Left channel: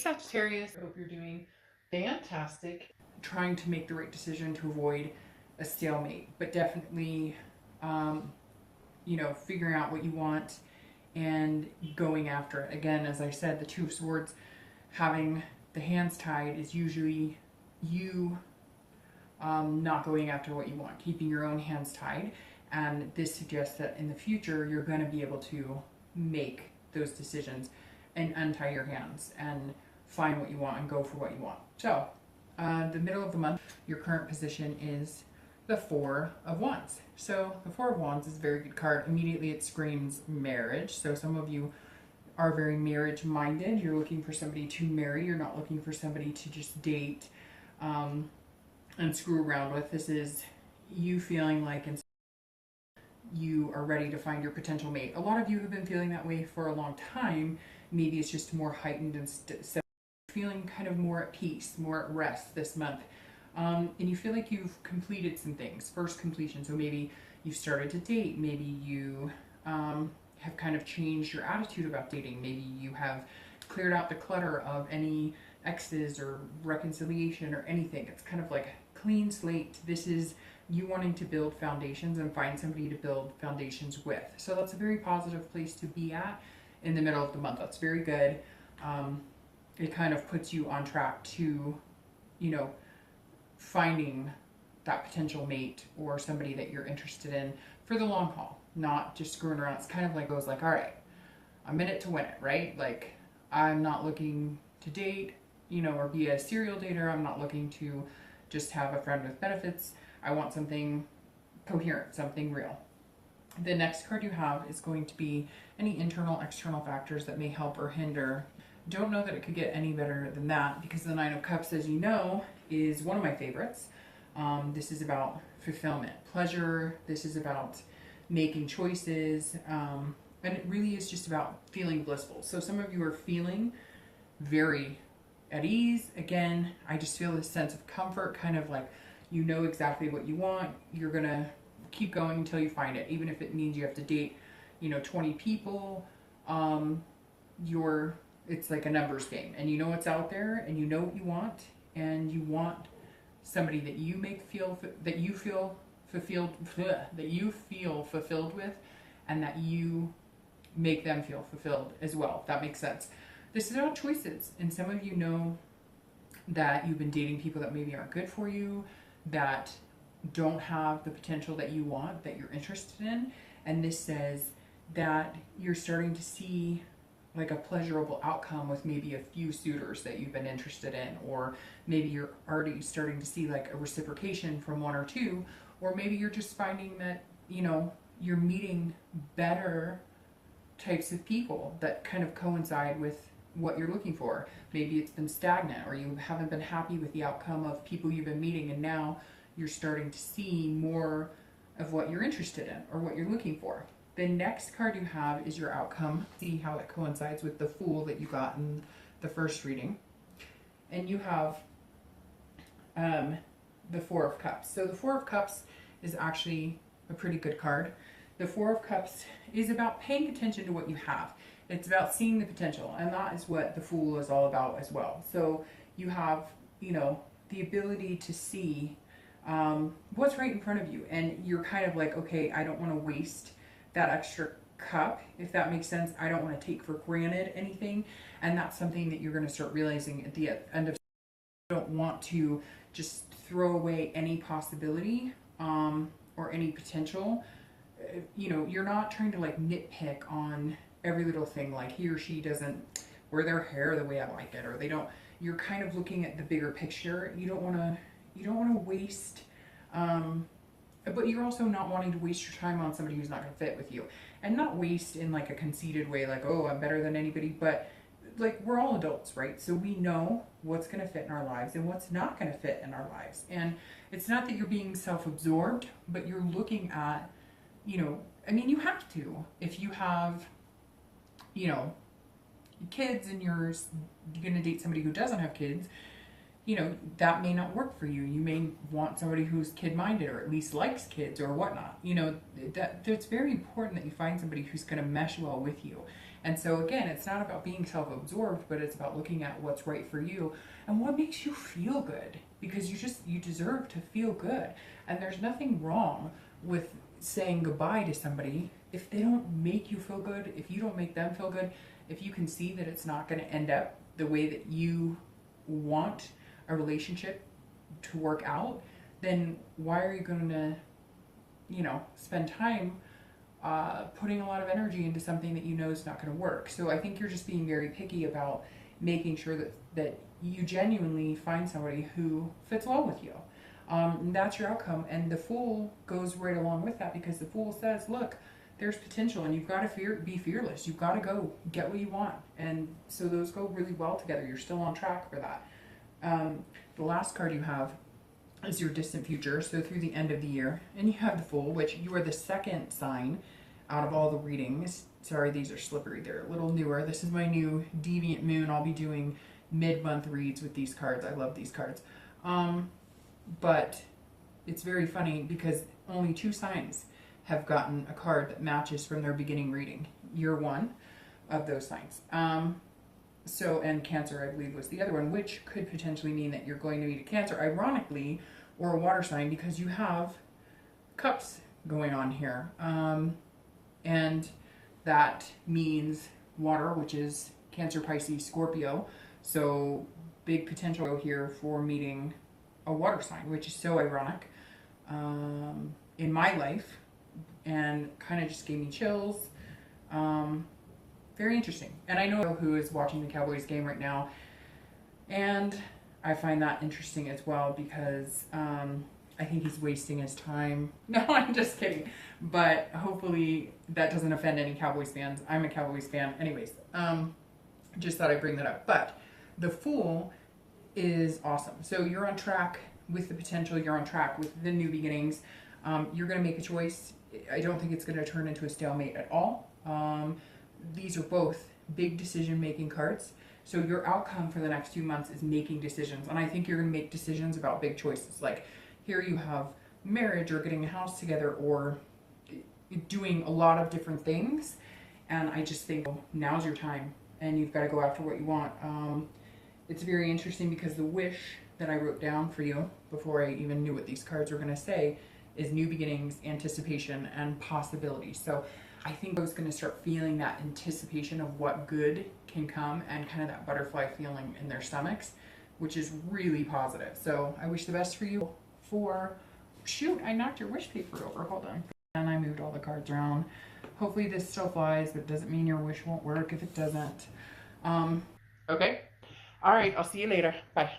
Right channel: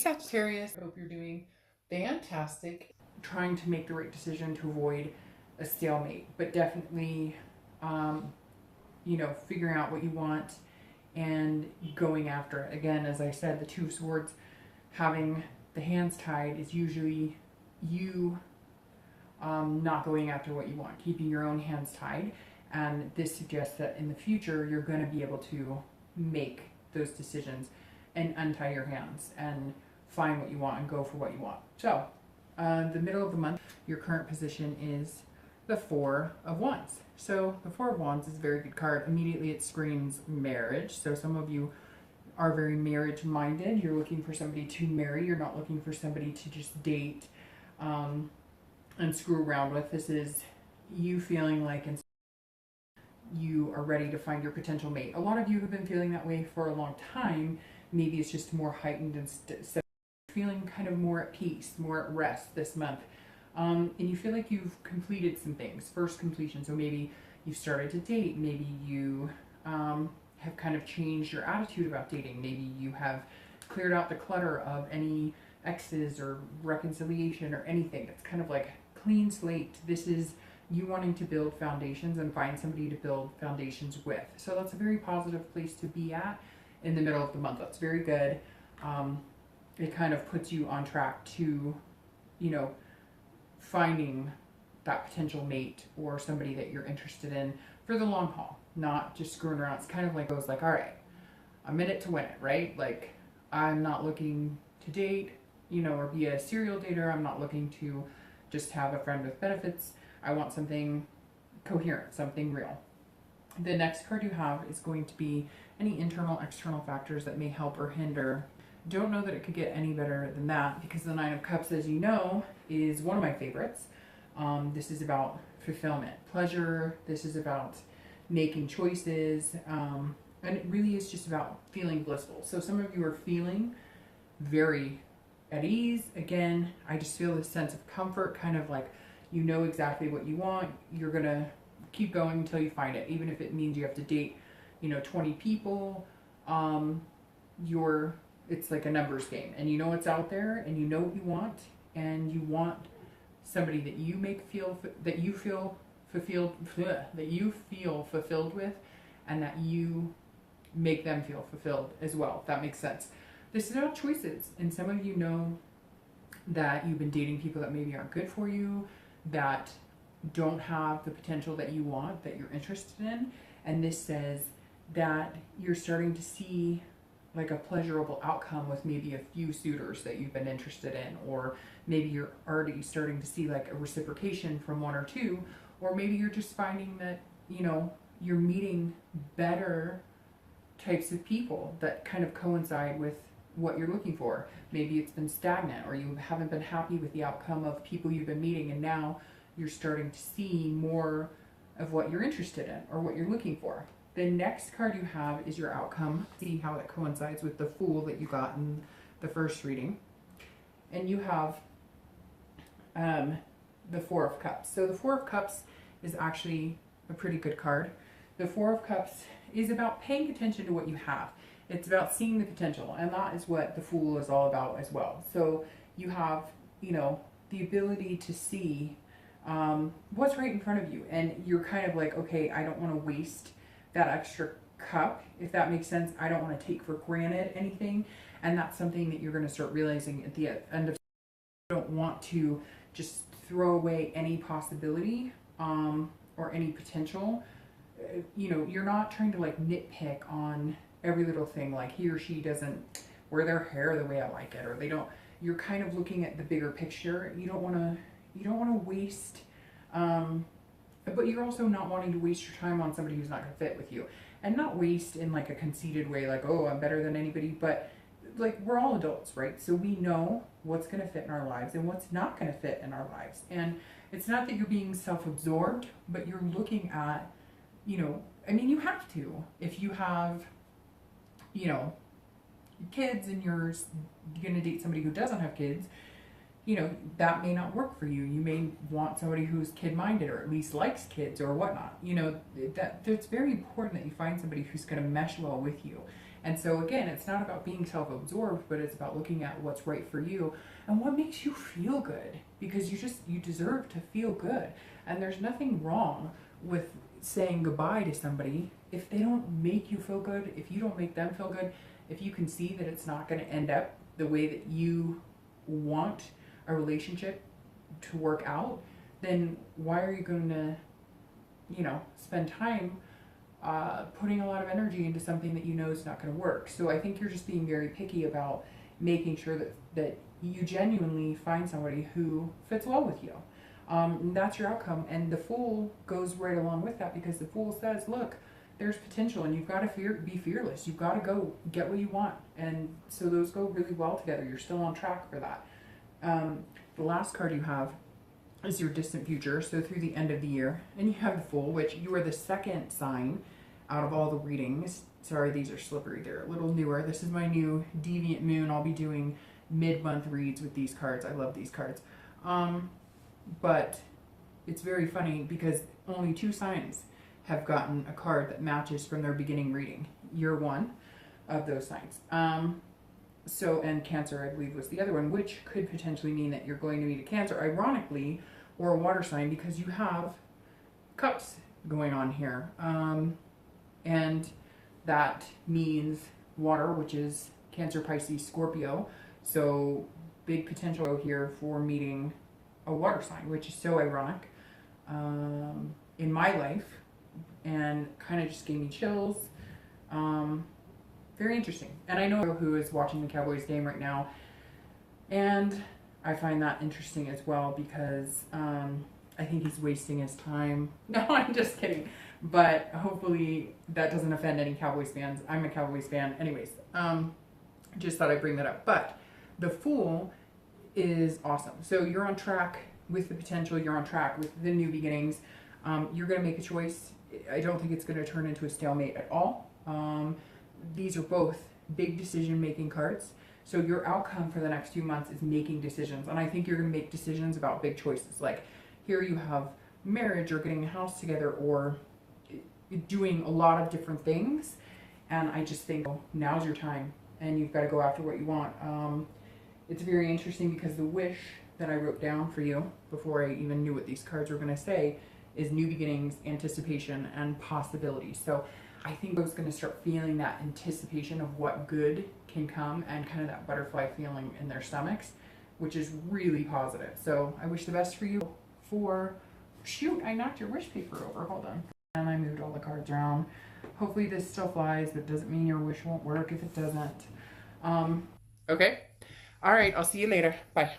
Sagittarius, I hope you're doing fantastic, trying to make the right decision to avoid a stalemate, but definitely, figuring out what you want and going after it. Again, as I said, the Two of Swords, having the hands tied is usually you not going after what you want, keeping your own hands tied. And this suggests that in the future, you're going to be able to make those decisions and untie your hands and find what you want and go for what you want. So, the middle of the month, your current position is the Four of Wands. So the Four of Wands is a very good card. Immediately it screams marriage. So some of you are very marriage minded. You're looking for somebody to marry. You're not looking for somebody to just date and screw around with. This is you feeling like you are ready to find your potential mate. A lot of you have been feeling that way for a long time. Maybe it's just more heightened and feeling kind of more at peace, more at rest this month. And you feel like you've completed some things, first completion. So maybe you started to date, maybe you have kind of changed your attitude about dating, maybe you have cleared out the clutter of any exes or reconciliation or anything. It's kind of like a clean slate. This is you wanting to build foundations and find somebody to build foundations with. So that's a very positive place to be at in the middle of the month. That's very good. It kind of puts you on track to, finding that potential mate or somebody that you're interested in for the long haul, not just screwing around. It's kind of like it was like, all right, I'm in it to win it, right? Like, I'm not looking to date, or be a serial dater. I'm not looking to just have a friend with benefits. I want something coherent, something real. The next card you have is going to be any internal, external factors that may help or hinder. Don't know that it could get any better than that, because the Nine of Cups, as you know, is one of my favorites. This is about fulfillment, pleasure. This is about making choices. And it really is just about feeling blissful. So some of you are feeling very at ease. Again, I just feel this sense of comfort, kind of like you know exactly what you want. You're going to keep going until you find it, even if it means you have to date, 20 people. It's like a numbers game, and you know what's out there, and you know what you want, and you want somebody that you feel fulfilled with, and that you make them feel fulfilled as well. If that makes sense. This is about choices, and some of you know that you've been dating people that maybe aren't good for you, that don't have the potential that you want, that you're interested in, and this says that you're starting to see like a pleasurable outcome with maybe a few suitors that you've been interested in, or maybe you're already starting to see like a reciprocation from one or two, or maybe you're just finding that, you're meeting better types of people that kind of coincide with what you're looking for. Maybe it's been stagnant, or you haven't been happy with the outcome of people you've been meeting, and now you're starting to see more of what you're interested in or what you're looking for. The next card you have is your outcome. See how that coincides with the Fool that you got in the first reading. And you have the Four of Cups. So the Four of Cups is actually a pretty good card. The Four of Cups is about paying attention to what you have. It's about seeing the potential, and that is what the Fool is all about as well. So you have, the ability to see what's right in front of you, and you're kind of like, okay, I don't want to waste that extra cup, if that makes sense. I don't want to take for granted anything, and that's something that you're going to start realizing at the end of. You don't want to just throw away any possibility or any potential. You're not trying to like nitpick on every little thing, like he or she doesn't wear their hair the way I like it, or they don't. You're kind of looking at the bigger picture. You don't want to waste. But you're also not wanting to waste your time on somebody who's not going to fit with you. And not waste in like a conceited way, like, oh, I'm better than anybody. But like, we're all adults, right? So we know what's going to fit in our lives and what's not going to fit in our lives. And it's not that you're being self-absorbed, but you're looking at, you have to. If you have, kids and you're going to date somebody who doesn't have kids, that may not work for you. You may want somebody who's kid-minded, or at least likes kids or whatnot. That's very important that you find somebody who's going to mesh well with you. And so again, it's not about being self-absorbed, but it's about looking at what's right for you and what makes you feel good, because you deserve to feel good. And there's nothing wrong with saying goodbye to somebody if they don't make you feel good, if you don't make them feel good, if you can see that it's not going to end up the way that you want a relationship to work out, then why are you going to, spend time putting a lot of energy into something that you know is not going to work? So I think you're just being very picky about making sure that you genuinely find somebody who fits well with you. And that's your outcome. And the Fool goes right along with that, because the Fool says, look, there's potential, and you've got to be fearless. You've got to go get what you want. And so those go really well together. You're still on track for that. The last card you have is your distant future, so through the end of the year. And you have the Fool, which you are the second sign out of all the readings. Sorry, these are slippery. They're a little newer. This is my new Deviant Moon. I'll be doing mid-month reads with these cards. I love these cards. But it's very funny because only 2 signs have gotten a card that matches from their beginning reading. You're one of those signs. And Cancer, I believe, was the other one, which could potentially mean that you're going to meet a Cancer, ironically, or a water sign, because you have cups going on here. And that means water, which is Cancer, Pisces, Scorpio. So big potential here for meeting a water sign, which is so ironic in my life, and kind of just gave me chills. Very interesting. And I know who is watching the Cowboys game right now, and I find that interesting as well, because I think he's wasting his time. No, I'm just kidding. But hopefully that doesn't offend any Cowboys fans. I'm a Cowboys fan. Anyways, just thought I'd bring that up. But the Fool is awesome. So you're on track with the potential. You're on track with the new beginnings. You're going to make a choice. I don't think it's going to turn into a stalemate at all. These are both big decision-making cards. So your outcome for the next few months is making decisions. And I think you're going to make decisions about big choices. Like here you have marriage, or getting a house together, or doing a lot of different things. And I just think now's your time, and you've got to go after what you want. It's very interesting because the wish that I wrote down for you before I even knew what these cards were going to say is new beginnings, anticipation, and possibility. So I think I was going to start feeling that anticipation of what good can come, and kind of that butterfly feeling in their stomachs, which is really positive. So I wish the best for you. Shoot, I knocked your wish paper over. Hold on. And I moved all the cards around. Hopefully this still flies, but doesn't mean your wish won't work if it doesn't. Okay. All right, I'll see you later. Bye.